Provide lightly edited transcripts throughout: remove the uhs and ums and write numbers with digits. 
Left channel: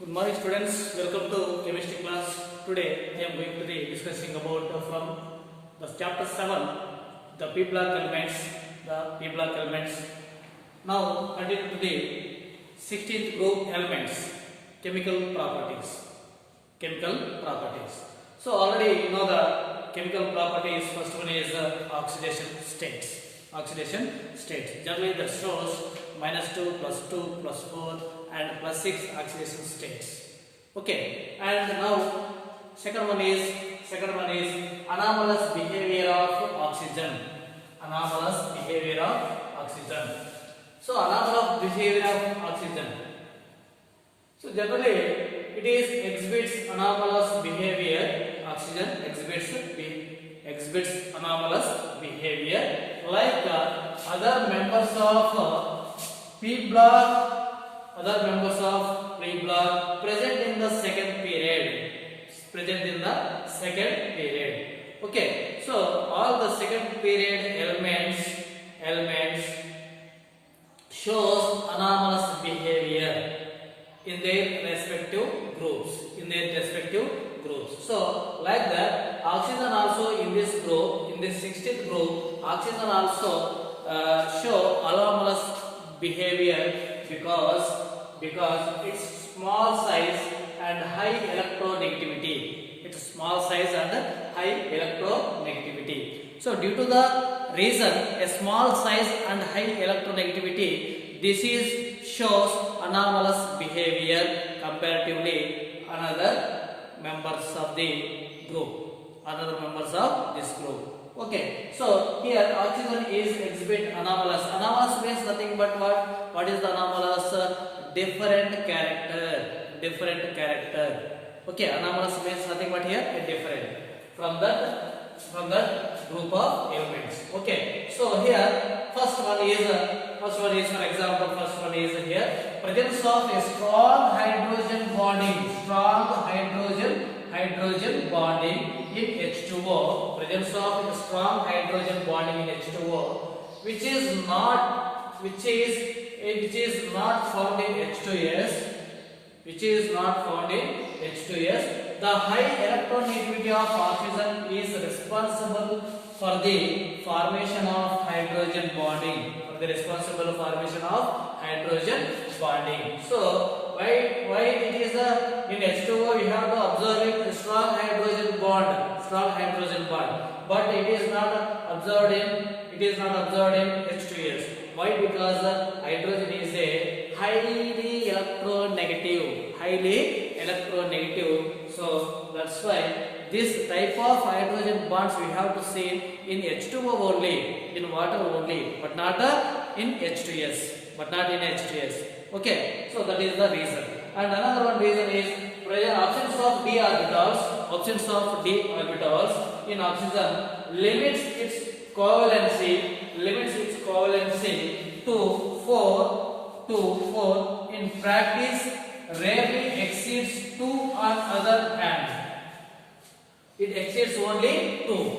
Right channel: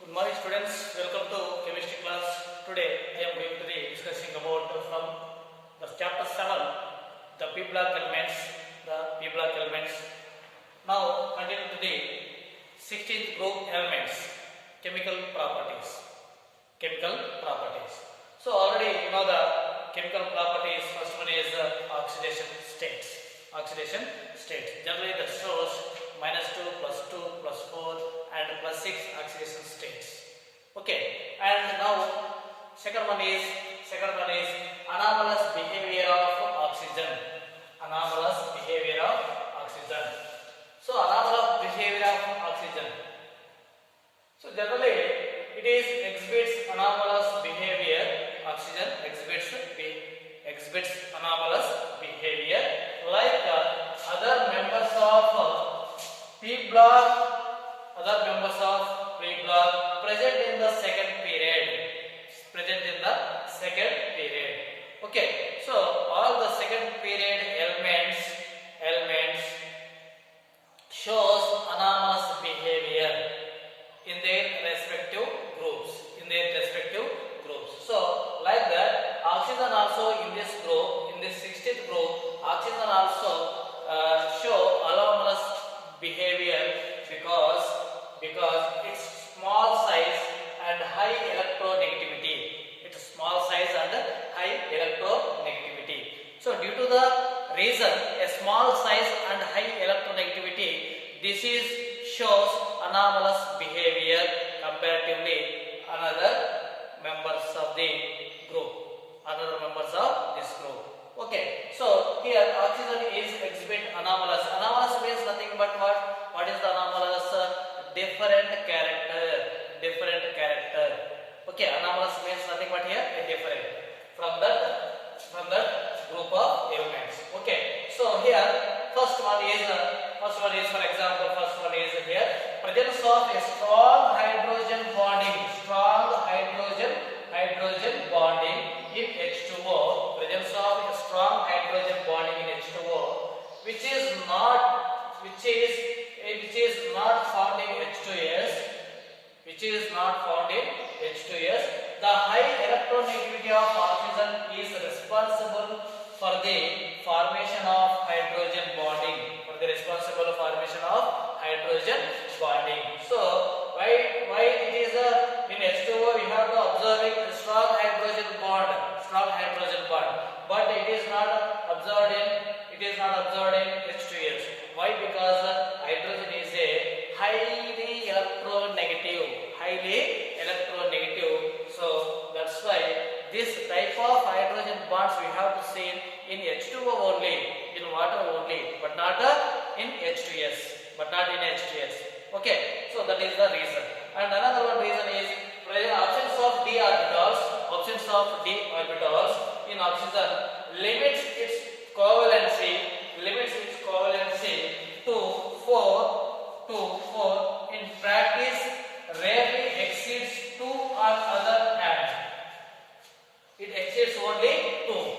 Good morning students, welcome to chemistry class. Today I am going to be discussing about from the chapter 7 the P block elements, Now continue to the 16th group elements, chemical properties. So already you know the chemical properties. First one is oxidation states. Generally that shows -2, +2, +4 and +6 oxidation states. Okay, and now second one is anomalous behavior of oxygen. So anomalous behavior of oxygen. So generally it is exhibits anomalous behavior. Oxygen exhibits anomalous behavior like other members of P block present in the second period. Okay, so all the second period elements shows anomalous behavior in their respective groups. So like that, oxygen also in this group, in this 16th group, oxygen also show anomalous behavior because its small size and high electronegativity. So due to the reason a small size and high electronegativity, this is shows anomalous behavior comparatively another members of this group. Okay, so here oxygen is exhibit anomalous. Anomalous means nothing but what? What is the anomalous? Different character. Okay, anomalous means nothing but here a different from that group of elements. Okay, so here first one is for example, here presence of a strong hydrogen bonding in H2O. Presence of a strong hydrogen bonding in H2O, which is not found in H2S. The high electronegativity of oxygen is responsible for the formation of hydrogen bonding. So why it is in H2O we have to observe a strong hydrogen bond, but it is not observed in H2S. Why? Because hydrogen is a highly electronegative. So that's why this type of hydrogen bonds we have to see in H2O only, in water only, but not in H2S. Okay, so that is the reason. And another one reason is absence of d orbitals in oxygen limits its covalency to 4. In practice rarely exceeds 2 on other hand. It exceeds only 2.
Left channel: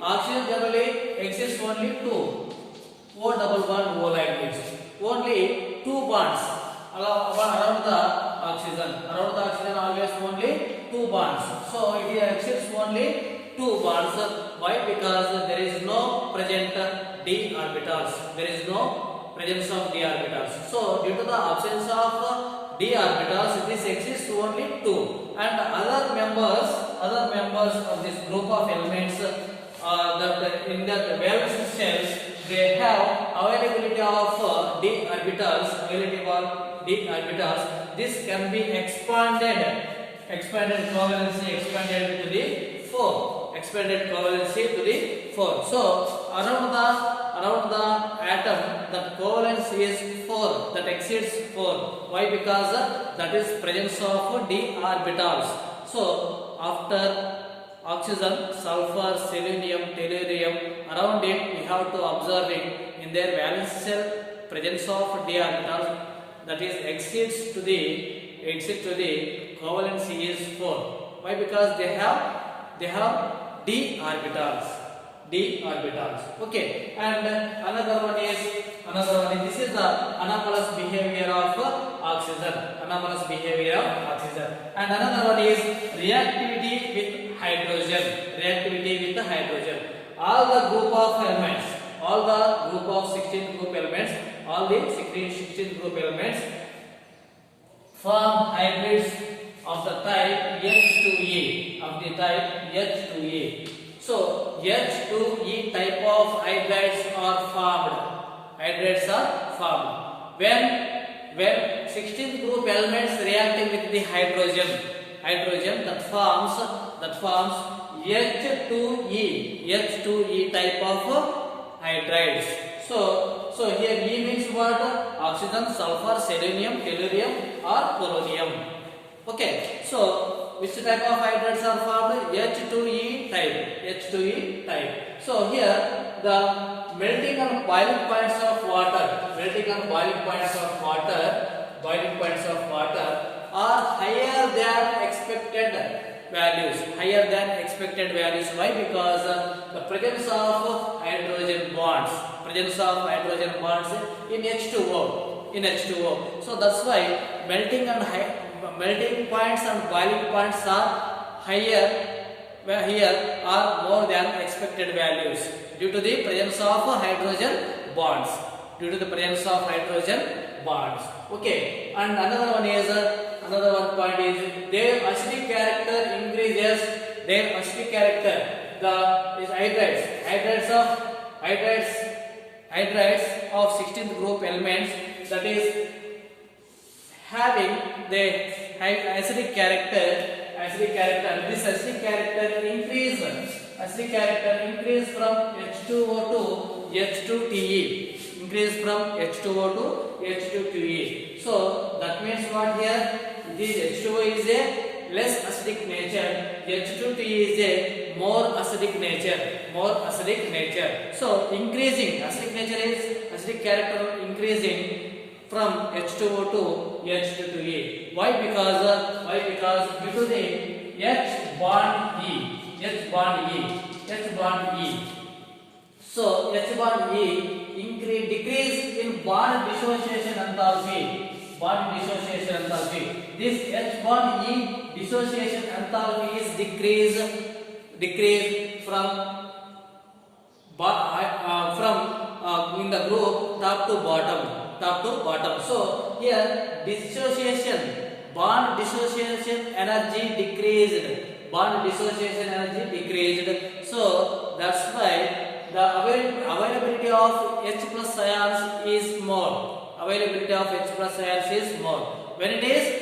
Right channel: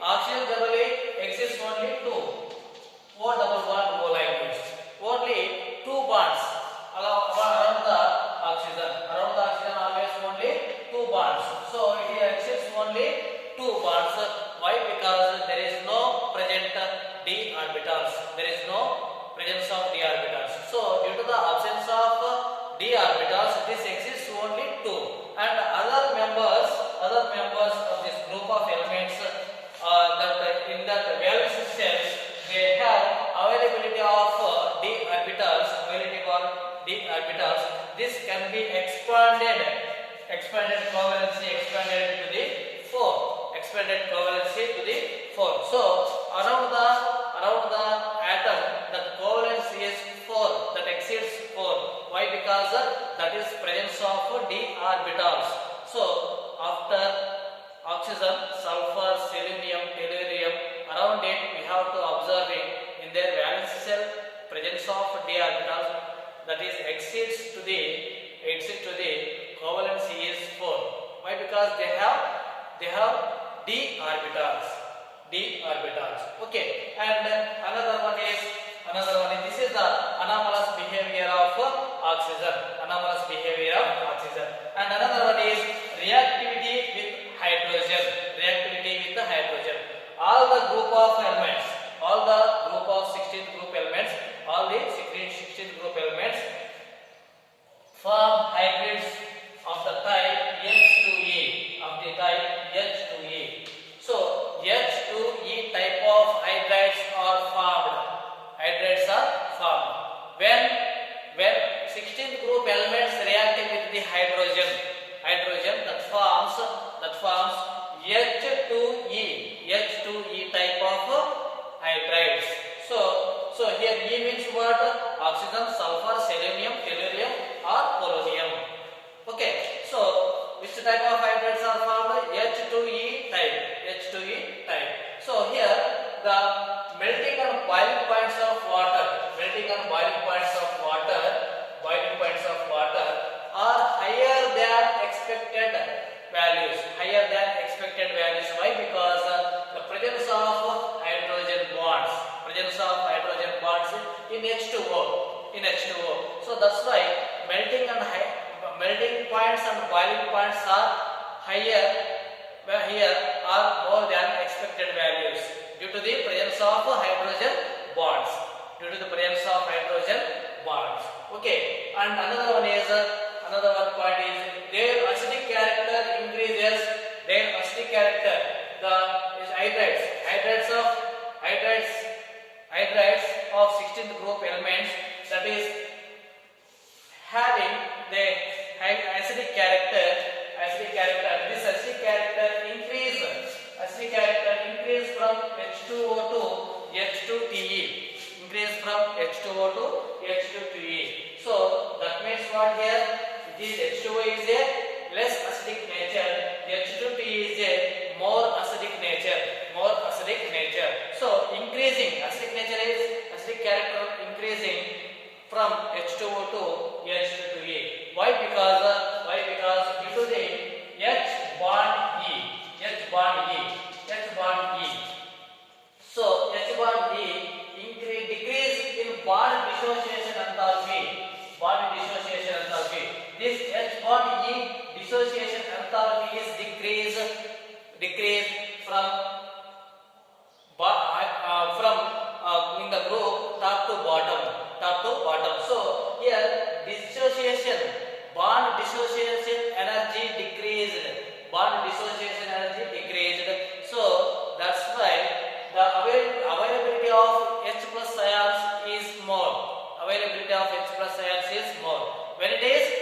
Oxygen generally exceeds only 2. O double bond O like this. Only 2 bonds around the oxygen. Always only 2 bonds. So it exceeds only 2 bonds. Why? Because there is no present d orbitals. So due to the absence of d orbitals, this exists only 2. And other members of this group of elements that in that valence cells, they have availability of d orbitals. This can be expanded covalency expanded to the 4. So around the atom that covalence is 4, that exceeds 4. Why? Because that is presence of d orbitals. So after oxygen, sulfur, selenium, tellurium, around it we have to observe it in their valence cell presence of d orbitals, that is exceeds to the covalency is 4. Why? Because they have d orbitals. Okay, and another one is this is the anomalous behavior of oxygen. anomalous behavior of oxygen. And another one is reactivity with hydrogen. Reactivity with hydrogen. All the group of elements, all the group of 16 group elements, all the 16 group elements form hybrids of the type H2E, of the type H2E. So H2E type of hybrids are formed. Hybrids are formed when 16th group elements reacting with the hydrogen that forms H2E type of hydrides. So here E means what? Oxygen, sulfur, selenium, tellurium or polonium. Okay, so which type of hydrides are formed? H2E type. So here the melting and boiling points of water are higher than expected values. Why? Because the presence of hydrogen bonds in H2O. So that's why melting points and boiling points are higher here are more than expected values due to the presence of hydrogen bonds. Okay, and another one point is their acidic character increases. The is hydrides of 16th group elements, that is having the acidic character. And this acidic character increase from H2O to H2TE. So that means what here? This H2O is a less acidic nature. H2TE is a more acidic nature. So increasing acidic character increasing from H2O to H2E. Why? Because due to the H bond E. So H bond E decrease in bond dissociation enthalpy. This H bond E dissociation enthalpy is decreased from in the group top to bottom. So here bond dissociation energy decreased. So that's why the availability of H plus ions is more. When it is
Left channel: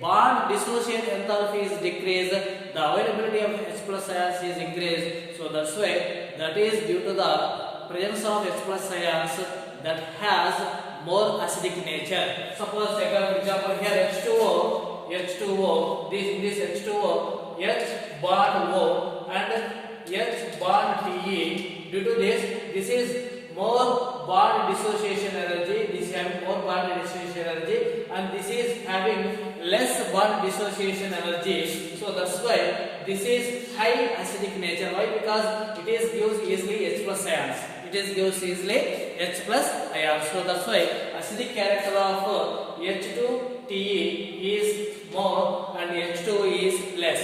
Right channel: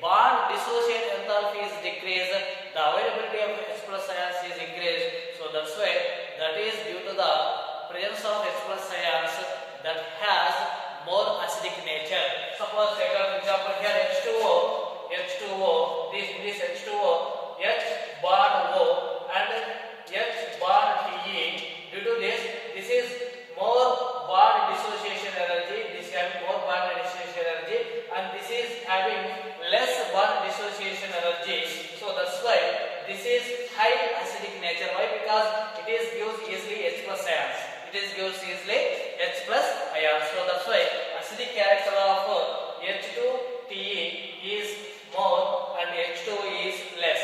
bond dissociation enthalpy is decreased, the availability of H plus ions is increased. So that's why that is due to the presence of H plus ions that has more acidic nature. Suppose take an example here, H2O. This H2O, H bond O and H bond TE. Due to this is more bond dissociation energy. This is having more bond dissociation energy, and this is having less bond dissociation energy. So that's why this is high acidic nature. Why? Because it is gives easily H plus ions. So that's why acidic character of H2TE is more and H2O is less.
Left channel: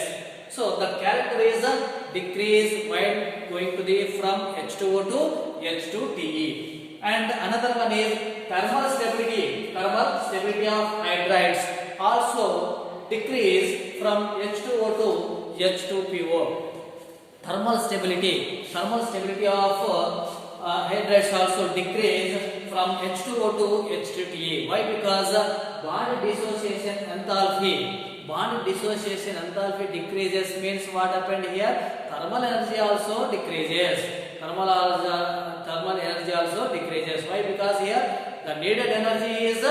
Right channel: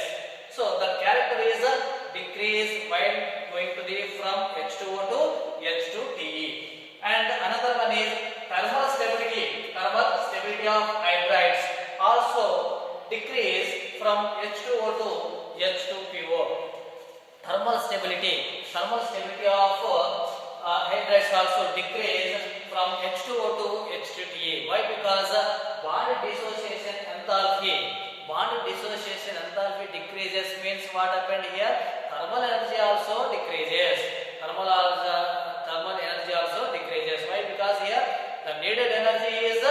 So the character is decrease while going to the from H2O to H2TE. And another one is thermal stability of hydrides also decrease from H2O to H2PO. Thermal stability of hydrides also decrease from H2O to H2TE. Why? Because bond dissociation enthalpy decreases means what happened here? Thermal energy also decreases. Why? Because here the needed energy is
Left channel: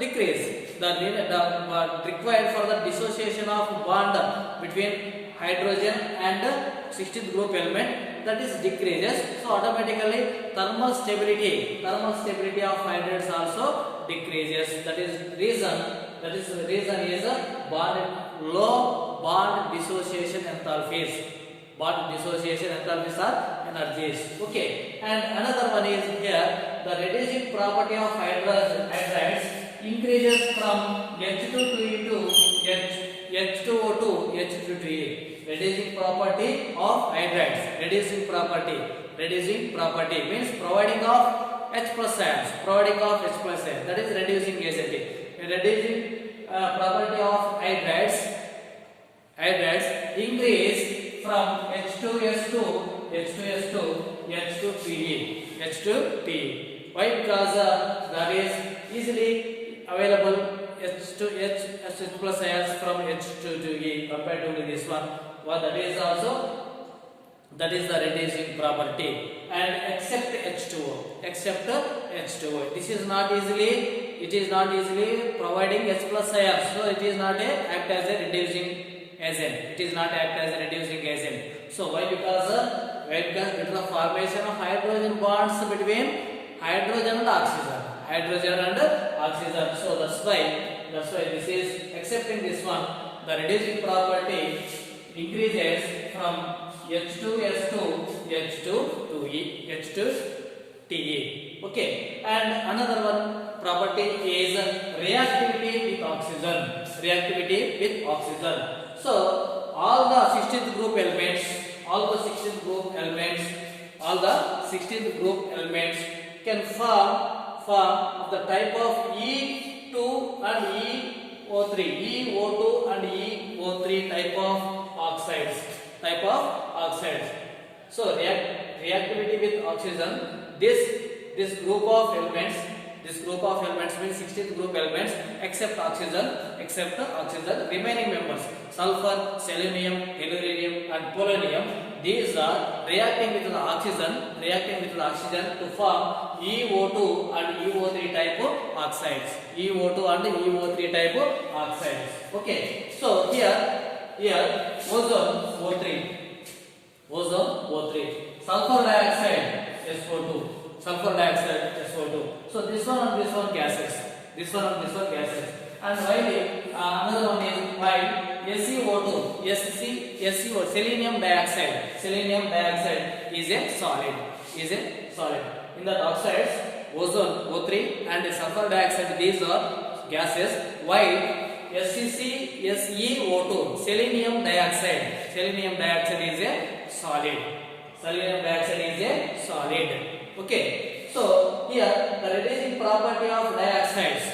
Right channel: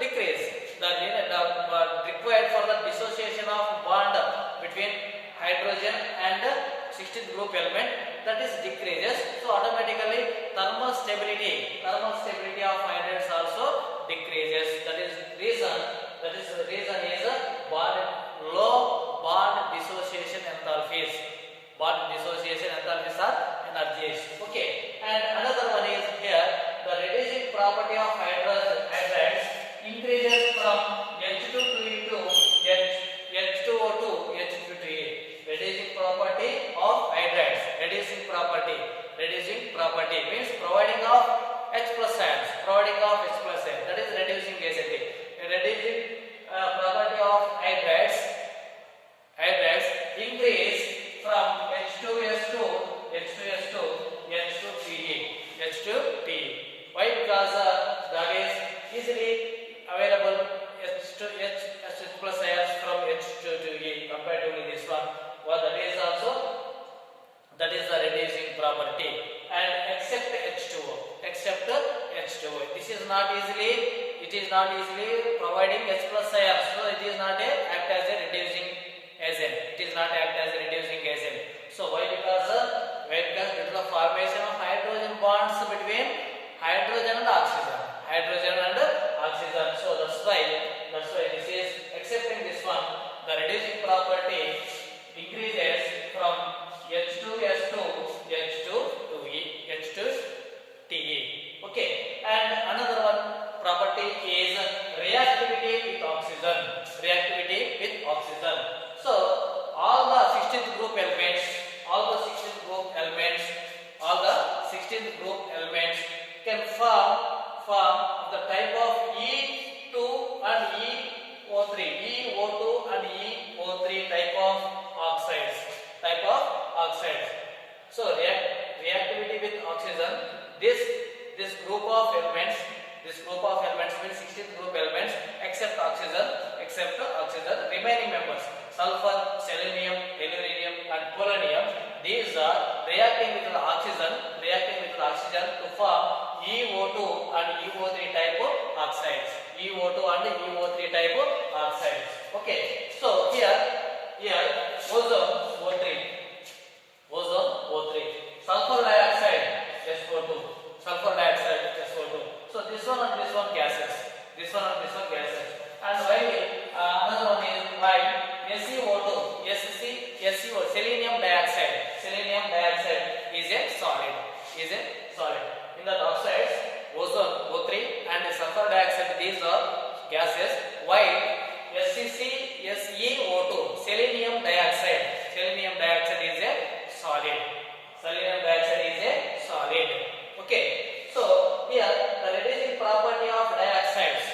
decreased. The required for the dissociation of bond between hydrogen and 16th group element, that is decreases. So automatically thermal stability of hydrides also decreases. That is reason is low bond dissociation enthalpies. Are energies. Okay, and another one is here the reducing property of hydrides increases from H2 to H2O2 H2A. Reducing property of hydrides. Reducing property means providing of H plus ions. That is reducing agent. Reducing property of hydrides increase from H2S2 H2PE. Why? Because that is easily available H plus ions from H2 to compared to this one. Well, that is the reducing property. And except H2O. This is not easily providing H plus ions, so it is not act as a reducing agent. So why? Because due to the formation of hydrogen bonds between hydrogen and oxygen. So that's why this is accepting this one. The reducing property increases from H2S2 H2TE. Okay, and another one property is reactivity with oxygen. So all the 16th group elements can form of the type of E2 and EO2 and EO3 type of oxides. So reactivity with oxygen. This group of elements means 16 group elements except oxygen. Remaining members sulfur, selenium, tellurium, and polonium. These are reacting with the oxygen to form EO2 and EO3 type of oxides. Okay. So here ozone O3, sulfur dioxide SO2. So this one and this one gases. And while another one is while SeO2, selenium dioxide is a solid. In the oxides, ozone O3 and sulfur dioxide, these are gases. While SeO2, selenium dioxide is a solid. Okay. So here the reducing property of dioxides.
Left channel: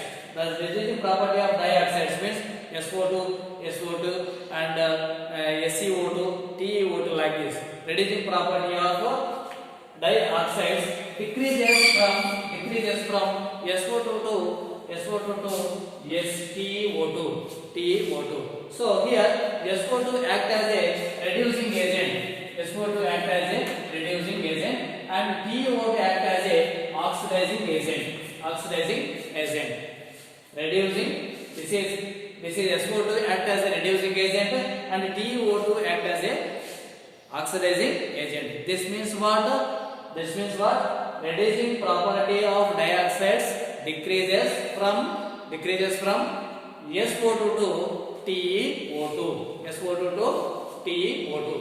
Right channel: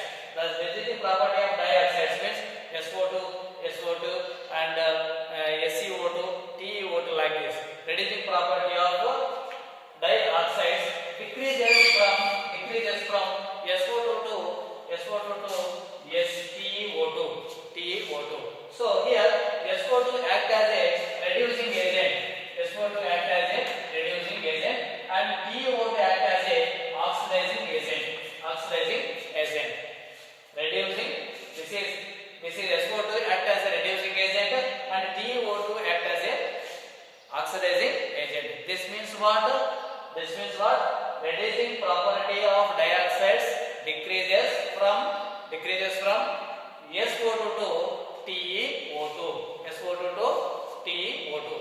Means SO2 and SeO2, TeO2 like this. Reducing property of dioxides decreases from SO2 to TeO2. So here SO2 act as a reducing agent. And TeO2 act as a oxidizing agent. This is SO2 act as a reducing agent and TeO2 act as a oxidizing agent. This means what? Reducing property of dioxides decreases from SO2 to TeO2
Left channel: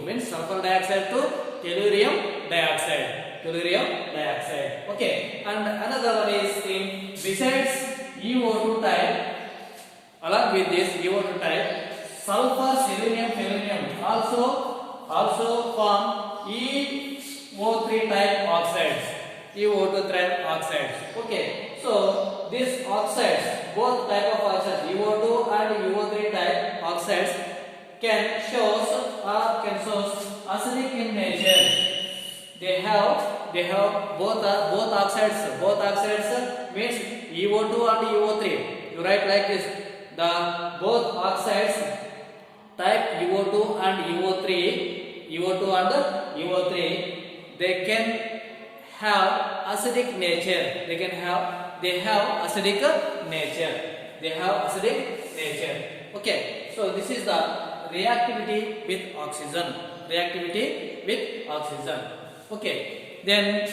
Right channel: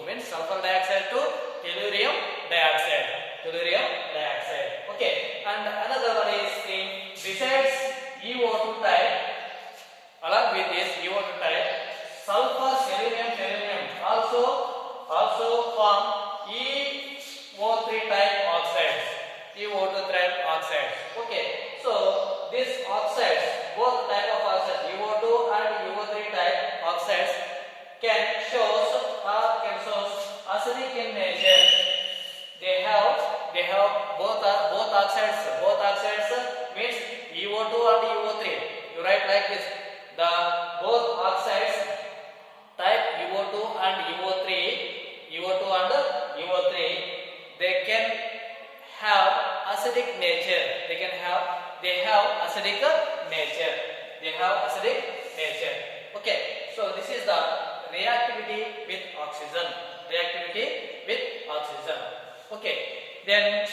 means sulfur dioxide to tellurium dioxide. Okay, and another one is besides EO2 type, along with this EO2 type, sulfur, selenium also form EO3 type oxides. Okay, so these oxides, both type of oxides, EO2 and EO3 type oxides, can show acidic in nature. They have both oxides. Both oxides means EO2 and EO3. You write like this: the both oxides type EO2 and EO3, they can have acidic nature. They have acidic nature. Okay, so this is the reactivity with oxygen. Okay, then